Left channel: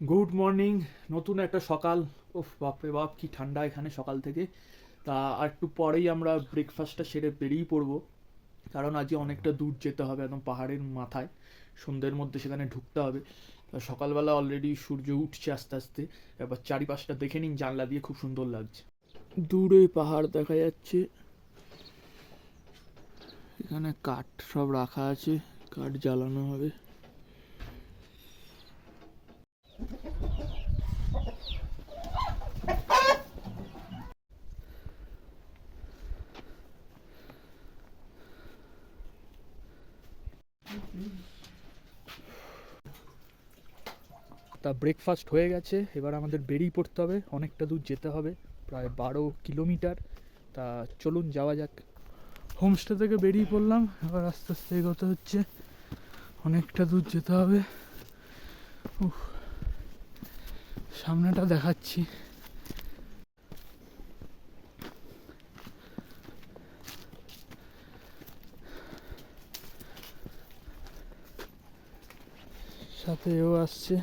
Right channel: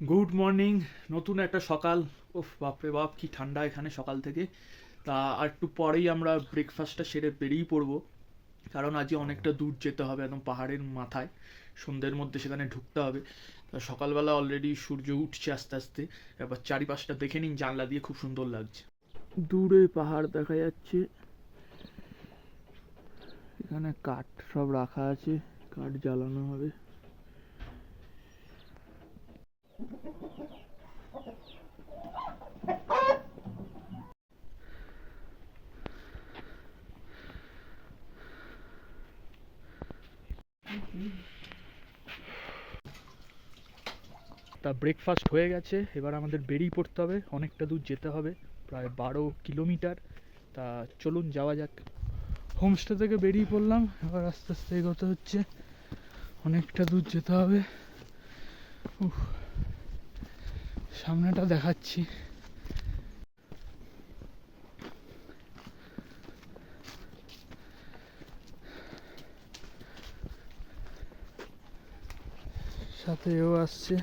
Good morning. নতুন একটা সকাল। ওফ বাপরে বাপ কি ঠান্ডা এখানে সকাল থেকে। তা আর একটু পরেই আমরা ব্রেকফাস্টটা সেরে বেরিয়ে পড়বো, কারণ আজকে অনেকটা দূর যেতে হবে, একদম পাহাড়ের মাথায়। সন্ধ্যের মধ্যে সেখানে ঢুকতে হবে। তা সকালবেলা অলরেডি সূর্য উঠছে আস্তে আস্তে। এবার চারিপাশটা দেখে নিন, জানলা দিয়ে খুব সুন্দর লাগছে। দূরে পাহাড় দেখা যাচ্ছে। এখানে কাঠ সব রাখা আছে, কাঠ জ্বালানো হবে। তা ব্রেকফাস্ট হয়ে গেছে, এবার আমাদের বেরিয়ে পড়তে হবে। অনেকটা দূর যেতে হবে, প্রায় 12 কিলোমিটার। তা চলুন যাওয়া যাক। হোমস্টে থেকে বেরিয়ে পড়লাম, এবার আস্তে আস্তে এগোতে হচ্ছে। অনেকটা দূর যেতে হবে। উফ, সামনেটা দেখাচ্ছি। সাথে এও আসছে।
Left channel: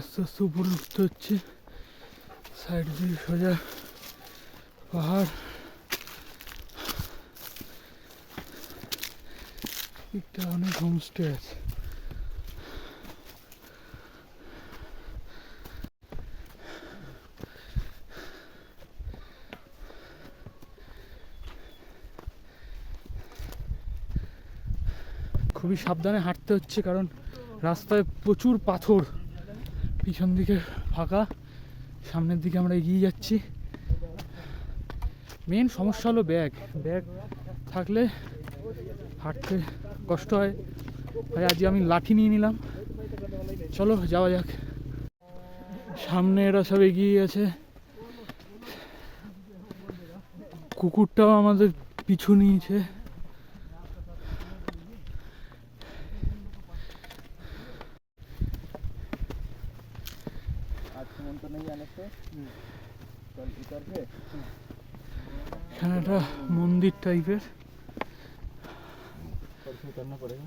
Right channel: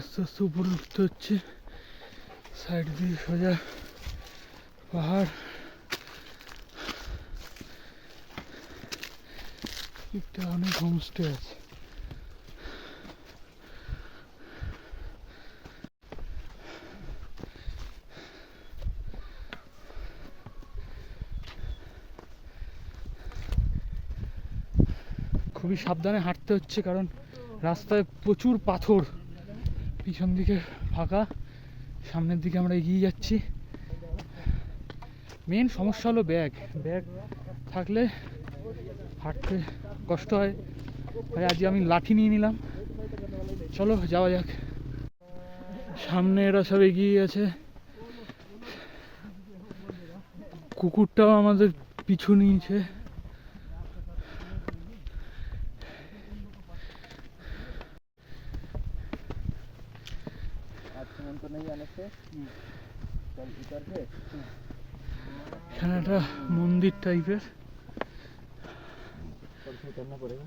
আস্তে আস্তে উপরে উঠতে হচ্ছে। সাইড দিয়ে সোজা পাহাড়। একটা অনেক হোমস্টে আছে। খুবই সাবধানে হাঁটতে হচ্ছে, কারণ রাস্তায় প্রচুর পাথর। পিছন দিকে ফাঁকা, সামনের দিকে আমরা এগিয়ে যাচ্ছি। মেন সমস্যা হলো ব্যাগ ব্যাগ থাকলে হাঁটতে কষ্ট হয়। তাই আজকে আমি লাঠি নিয়ে নিলাম। চলো যাওয়া যাক। সামনে এরা সব এগিয়ে গেছে। কুকুরটাও আমাদের পিছু নিয়েছে। এখানে একটা মন্দির টাইপের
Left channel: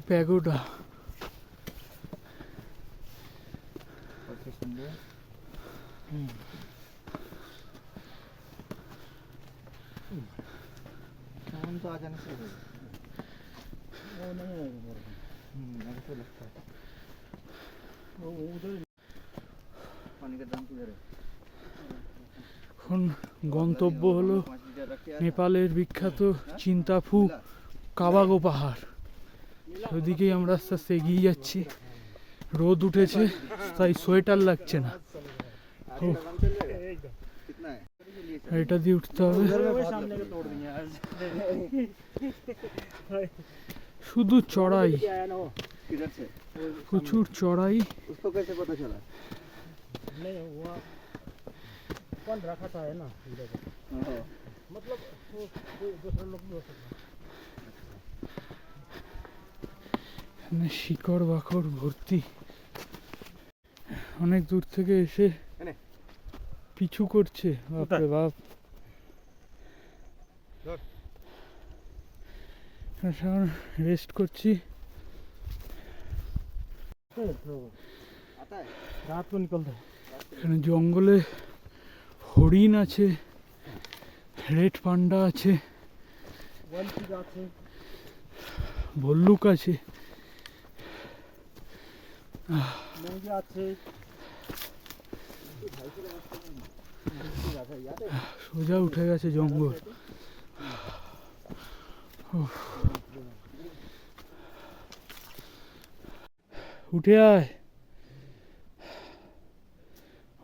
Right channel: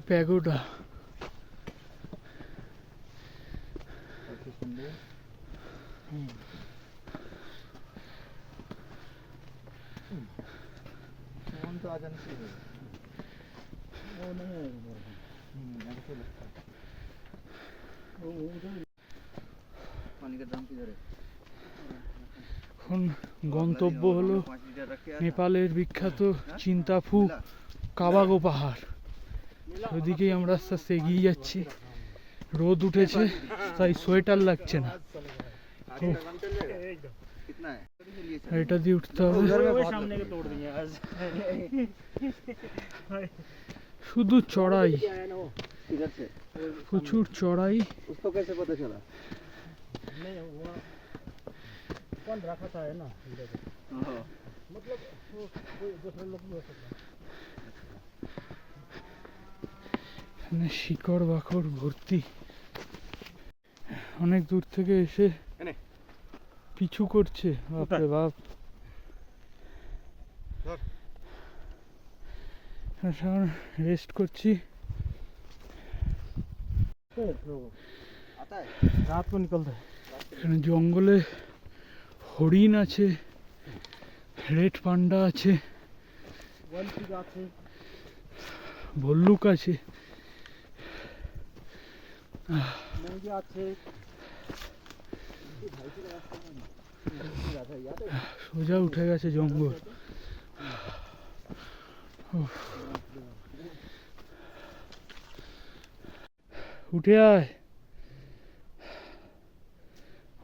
প্যাগোডা। এখন গন্তব্য হলো নেপালের বিখ্যাত চিন্তাফু কাবাগো পাহাড়। ওইদিকেই আমরা আস্তে আস্তে এগিয়ে যাচ্ছি। রোদ উঠেছে, তাই সোয়েটার লাগছে না। এটা দিয়ে উঠতে হবে। শুধু চড়াই, প্রচুর চড়াই। এখানে শিকড় বাকড় ভর্তি। অনেক দূর থেকে এসে পিছু করছে, বাপরে বাপ। রেস্ট করছি। এখানে জঙ্গলে হরিণ আছে, রেড পান্ডা আছে, ভল্লুক আছে। সোজা উঠে গেছে জঙ্গল। উঠে আয়,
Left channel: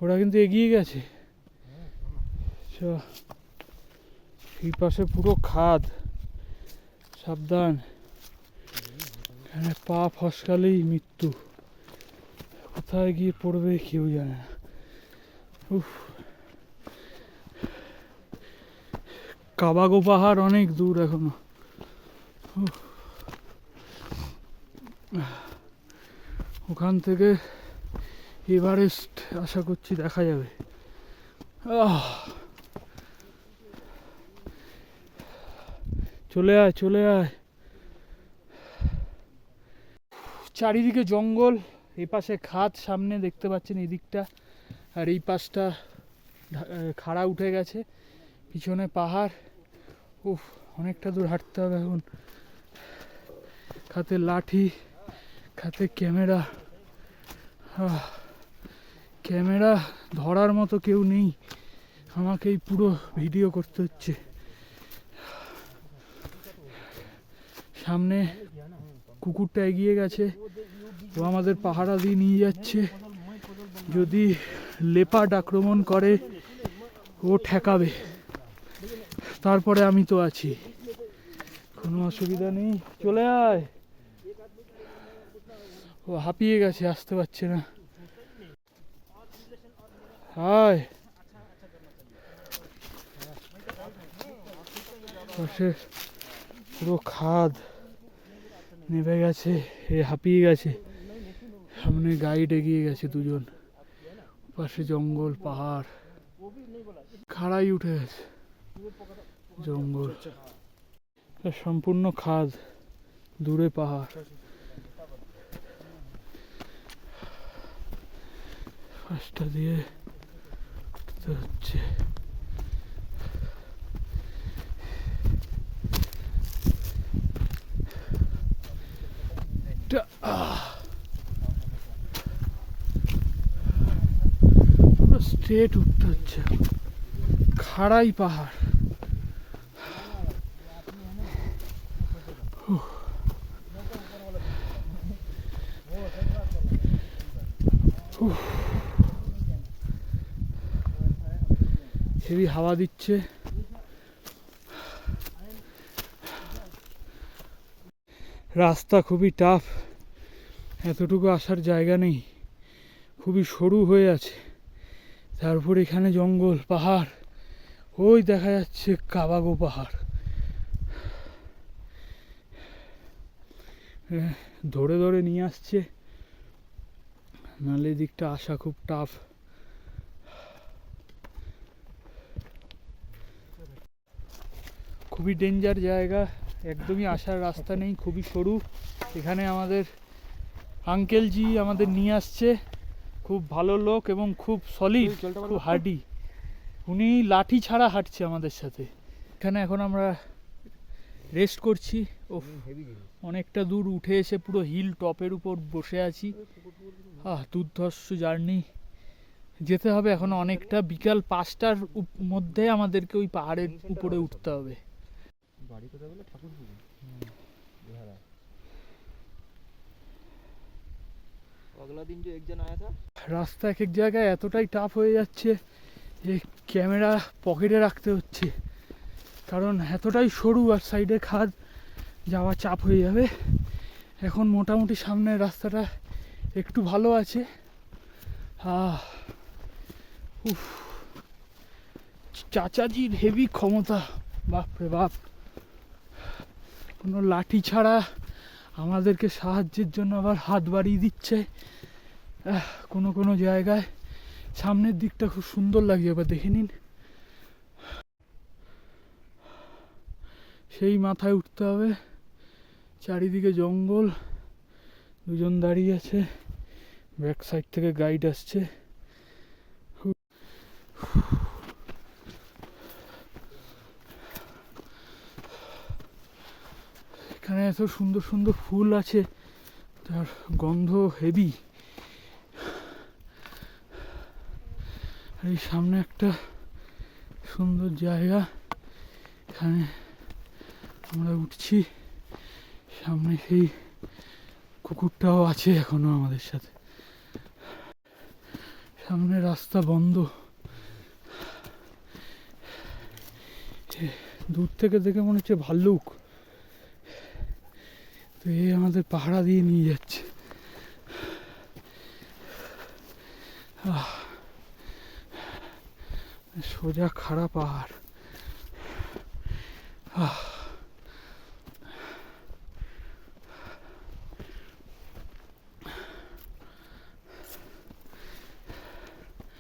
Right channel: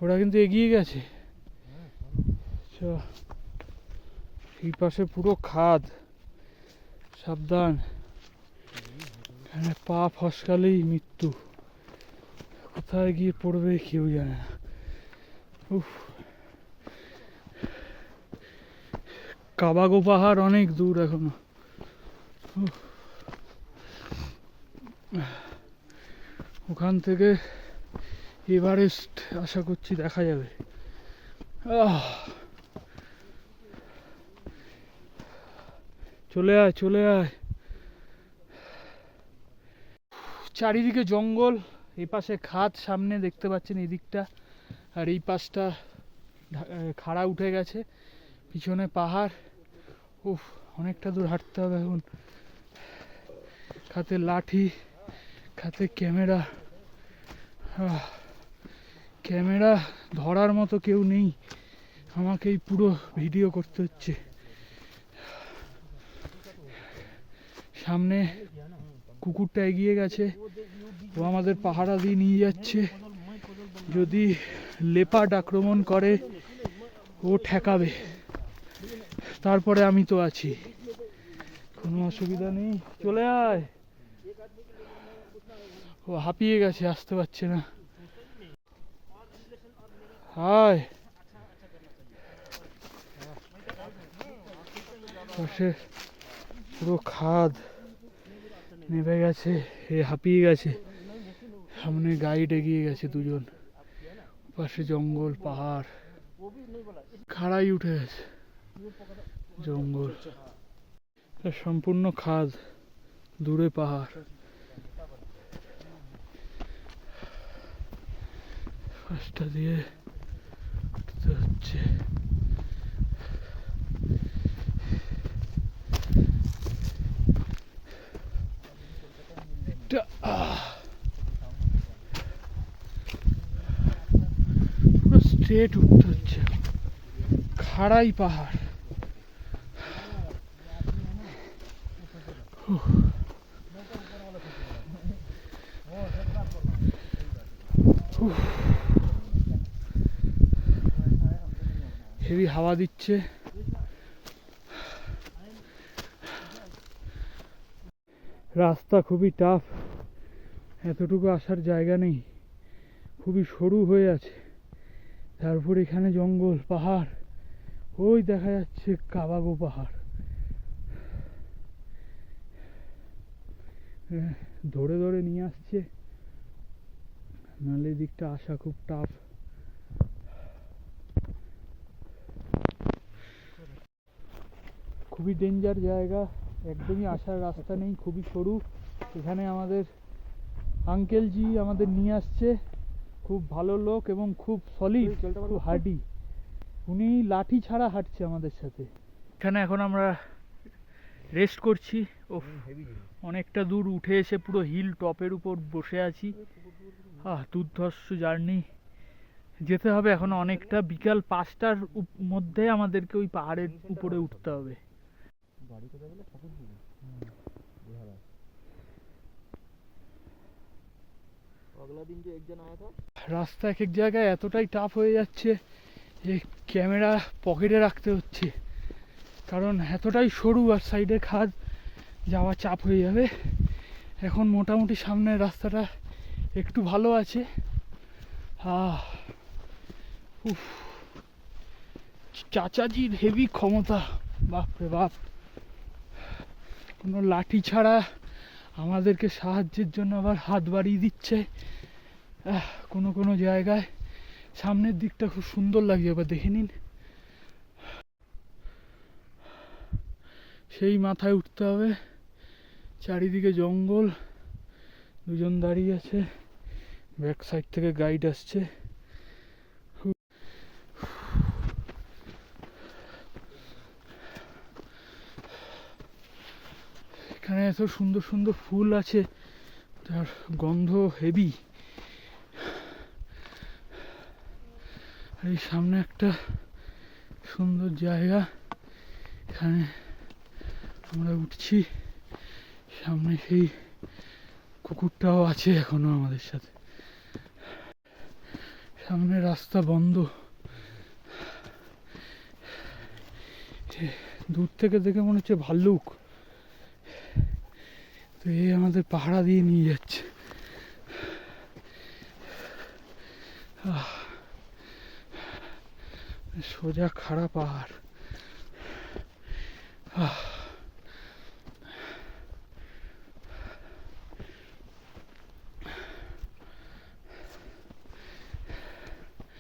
ওরা কিন্তু এগিয়ে গেছে। এই পাশে পুরো খাদ, সাবধান। এখানে পা ফসকালেই মৃত্যু। কোথায় গিয়ে পড়বে কেউ জানে না। উফ, কাবাগো পাহাড় অনেক দূর এখনো। উফ, ওখান থেকে এভারেস্ট আশা করছি দেখা যাবে। চলে আয় চলে আয়। চারিদিকে জঙ্গল, এই পাশে খাদ সামনে দেখতে পাচ্ছেন এই দিকটা, আর এই পাশটা খাড়া উঠে গেছে, পিছনে পাহাড়। উফ, অনেকটা দূর হাঁটতে হবে এখন। হাতে লাঠি, হাতে ক্যামেরা। ক্যামেরা ধরার মতো কেউ নেই, আমাকেই পুরো ভিডিও করতে হচ্ছে। সামনে কুকুরটা এগিয়ে গেছে, ও আমাদের পাহারা দিয়ে নিয়ে যাচ্ছে। যদি লেপার্ড আক্রমণ করে ও ঠেকাবে, তারপরে আমি তো আছি, কোনো অসুবিধা নেই। চলে আয়। ও হাঁপিয়ে গেছে, আসতে পারছে না। আয়। পাশে পুরো খাদ নেমে গেছে, এ হাঁপিয়ে গেছে। সামনে গাইড এগিয়ে গেছে দুজন, পাশে জঙ্গল পাহাড়, খাড়াই উঠে গেছে জঙ্গল, সম্পূর্ণ খাদ, দূরে পাহাড়। রাস্তা দিয়ে উঠতে হচ্ছে। স্ট্রেট উঠতে হচ্ছে, খাড়াই পাহাড়। হেভি হাওয়া দিচ্ছে। রাস্তা খুবই টাফ, এতটুকু আসার জায়গা নেই, খুবই সরু হয়ে আছে। তারপর এখানে জঙ্গল পাহাড়, ওই দেখা যাচ্ছে কাবাগো পাহাড়। ধরে ধরে নিয়ে আসছে, নাহলে দিকটা আসা খুব টাফ। খুবই ডেঞ্জার জায়গা, একদমই আসার রাস্তা নেই, খুবই সরু। এখানে আমাদের আঙ্কেলজি আমাদের নিয়ে আসছে, খুব ভালো লোক এবং খুব সলিড, খুব হার্ডি। উনি লাঠি ছাড়া হাঁটছে আমাদের সাথে। এখানে এখন আমরা রেস্ট করছি। ও অনেকটা দূর উঠে এসে পুরো হিল টপের উপর বসে আছি। দুর্ধর্ষ জার্নি, যেতে হবে এখন অনেকটা। বিকাল 5টার মধ্যে আমাদেরকে ওই পাহাড়ের উপরে উঠতে হবে। রাস্তা এক এক জায়গায় এতটাই টাফ হয়ে যাচ্ছে যে ক্যামেরা পকেটে রাখতে হচ্ছে, কারণ এতটাই সরু আর সাইডে খাদ, যাওয়া চাপ হয়ে যাবে। এখন মোটামুটি সামনের রাস্তাটা একটু ভালো আছে। উফ, চাচাজির হেভি ক্ষমতা, বাপরে বাপ। কোনো লাঠি ছাড়া আমাদেরকে সাহায্যের জন্য আবার হাত বাড়িয়ে দিচ্ছে কোনো কোনো জায়গায়। সামনের দিকটা খুব সুন্দর লাগছে, এবার দেখে নিন। সেই মাথায় উঠতে হবে, চারিদিকে জঙ্গল, দুজন দাঁড়িয়ে আছে, ব্যাক সাইড থেকে গাইড আসছে। এখানে এত সুন্দর সুন্দর ফুল আছে, তার গন্ধ হেভি। এই সামনে একটা সুন্দর জায়গা, এখানে আমরা উঠছি। সামনে সেই কুকুরটাও আছে এখনো আমাদের সাথে। সামনে রাস্তা বন্ধ, দূর থেকে দেখে মনে হচ্ছে ভাল্লুক। তো এই আমাদের পাহারা দিয়ে নিয়ে যাচ্ছে। সোজা খাড়া পাহাড়।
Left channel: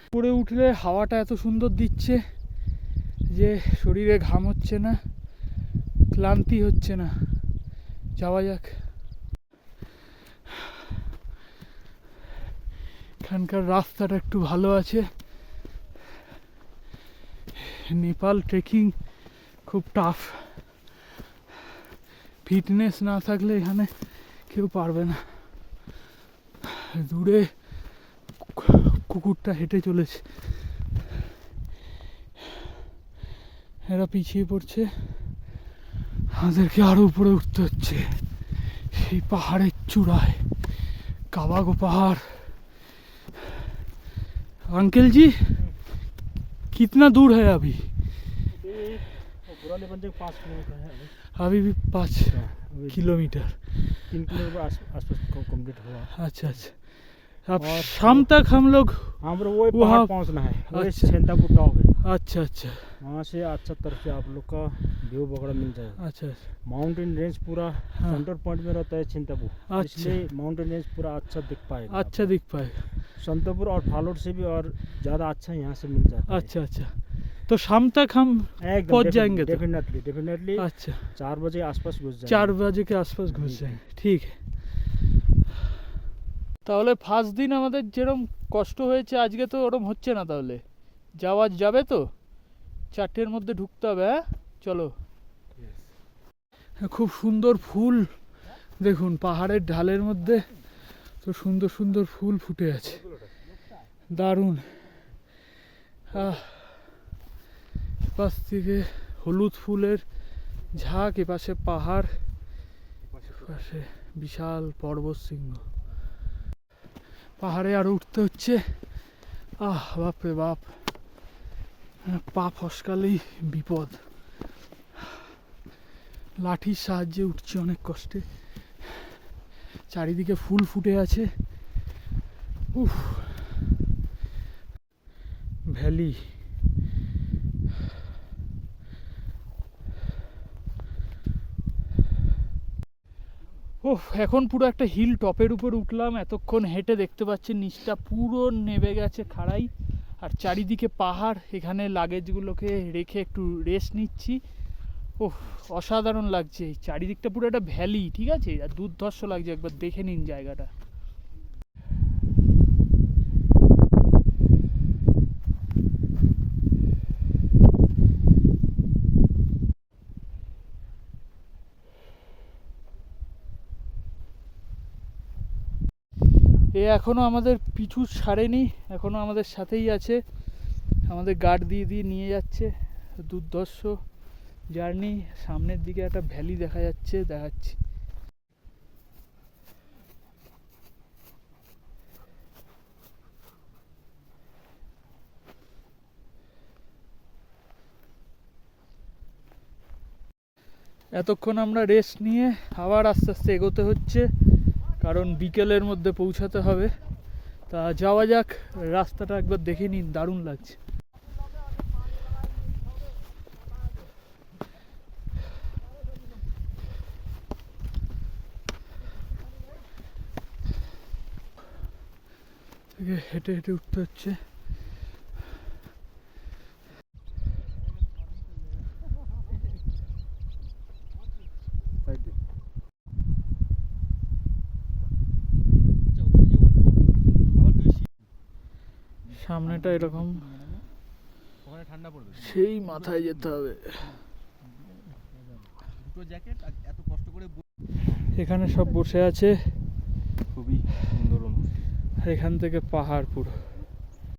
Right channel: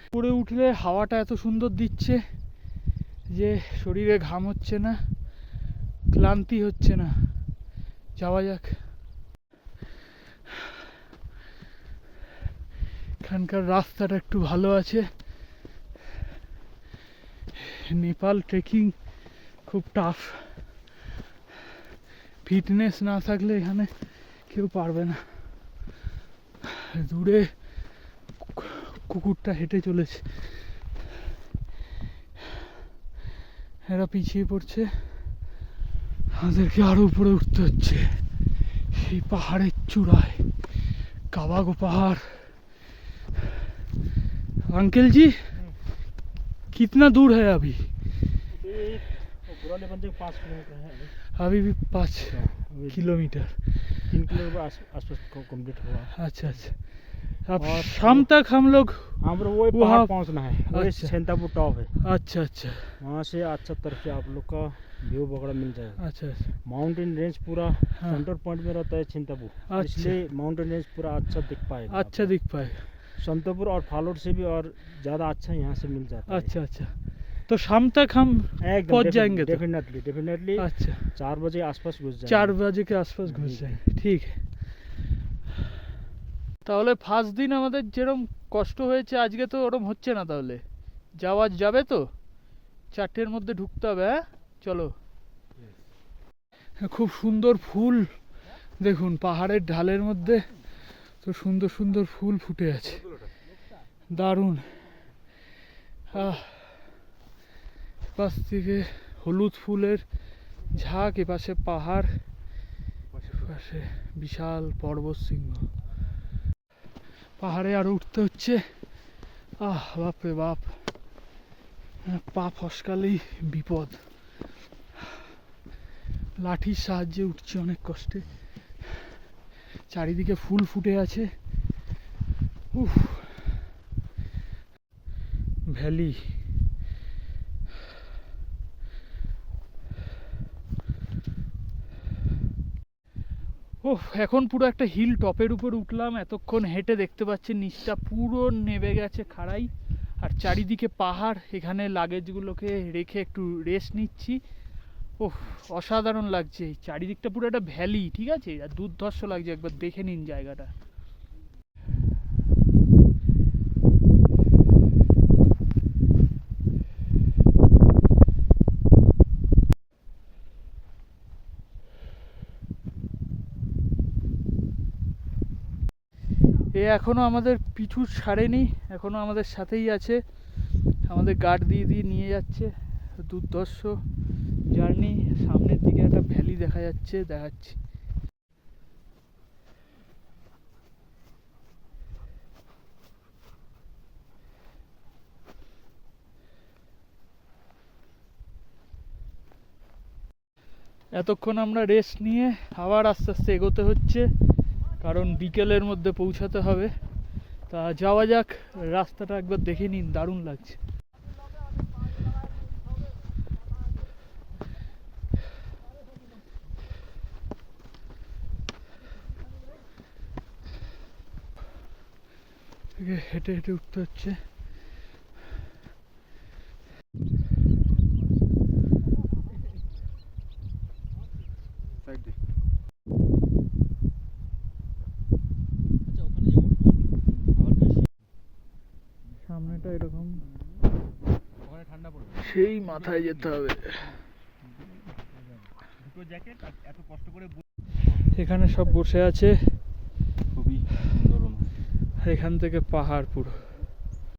উপরে উঠলে হাওয়াটা এত সুন্দর দিচ্ছে যে শরীরে ঘাম হচ্ছে না, ক্লান্তি হচ্ছে না। যাওয়া যাক। এখানকার রাস্তাটা একটু ভালো আছে। নেপাল ট্রেকিং খুব টাফ, ফিটনেস না থাকলে এখানে কেউ পারবে না। দূরে কুকুরটা হেঁটে চলেছে, এরা পিছিয়ে পড়ছে, আমাদেরকে আরো উপরে উঠতে হচ্ছে সেই পাহাড়ের চূড়ায়, কাবাগো পাহাড়। अंकल जी कितना दूर है अभी? पुराने बंदे 5 किलोमीटर है अभी भी 5 किलोमीटर। 3 किलोमीटर आसपास कंप्लीट हुआ। अच्छा अच्छा। अब शाम तक हम लोग हम लोग वही वहाँ पहाड़ पहुंचना है, वही अच्छा। सेंटापुर टॉप है। अच्छा अच्छा वहाँ से अच्छा तरफ से आप लोग का व्यू वगैरह मिल जाएगा। अच्छा अच्छा। माउंटेन रेंज पूरा हाँ। सेंटर पॉइंट में रहता है चिंतापुर, अच्छा। इसलिए माउंटेन रेंज पूरा अच्छा दिख पाएगा। अच्छा दिख पाएगा। संतपुर और फालोड से भी और ज़्यादा अच्छा यहाँ से मिल जाता है। अच्छा अच्छा, तो शाम तक हम एकदम पहुंच जाएंगे तो? डेफिनेटली अच्छा, 4 बजे आसपास घुस जाएंगे। 4 बजे के आसपास घुस जाएंगे, ঠিক। তাহলে ফার্স্ট দিন আমাদের যেরকম কষ্ট হয়েছে আজকে তো ওরকম হচ্ছে না। তাহলে যাওয়া যাবে তো? 4টের মধ্যে ঢুকতে হবে। হ্যাঁ চলো। খুব সুন্দর ফুল দেখুন, পাহাড়ের ঢালের মধ্যে তো সুন্দর সুন্দর ফুল ফুটে আছে, দারুণ। পাশ থেকে হলুদ ফুলের ঝাঁক, এপাশে পাহাড়, পাশে বিশাল পর্বত শৃঙ্গ। পাহাড়ে আরো উঠতে হচ্ছে। বাপরে বাপ, পা ফসকালেই বিপদ। লাঠির সাহায্যে উঠছে অনেক কষ্টে, চারিদিকে ফুল ফুটে আছে। উফ, ভ্যালি। এখন পুরো একটা হিল টপের উপর উঠলাম। এতক্ষণ হেঁটে দেখতে পাচ্ছি নিচটা পুরো নেমে গেছে খাড়াই, আর চারিদিকে পাহাড়। এখানে লাগেজগুলোকে রেখে একটু রেস্ট নিচ্ছি। অসাধারণ লাগছে, এই চারিদিকটা পুরো একটা ভ্যালি, ঠিক আছে, আর দুর্ধর্ষ লাগছে। একবার দেখে নিন জায়গাটা। এ এখনো আমাদের পিছু ছাড়েনি, এখনো আমাদের সাথেই আছে, আমাদের গার্ড দিয়ে দিয়ে নিয়ে যাচ্ছে। দুর্ধর্ষ জার্নি। সামনের দিকে একটা ভ্যালি দেখা যাচ্ছে, দেখাচ্ছি। এতক্ষণ আমরা রেস্ট নিয়ে আবার আস্তে আস্তে এগোতে হচ্ছে, কারণ বিকেলের মধ্যে পৌঁছাতে হবে। তা যাওয়া যাক। রাস্তাটা একবার দেখে নিন, দারুণ লাগছে। হেঁটে হেঁটে উঠতে হচ্ছে। সামনেটা এরকম, সেই মাথায় যেতে হবে। এখানে সব বসে আছে, খুবই সুন্দর। এখান থেকে পাহাড় পুরো।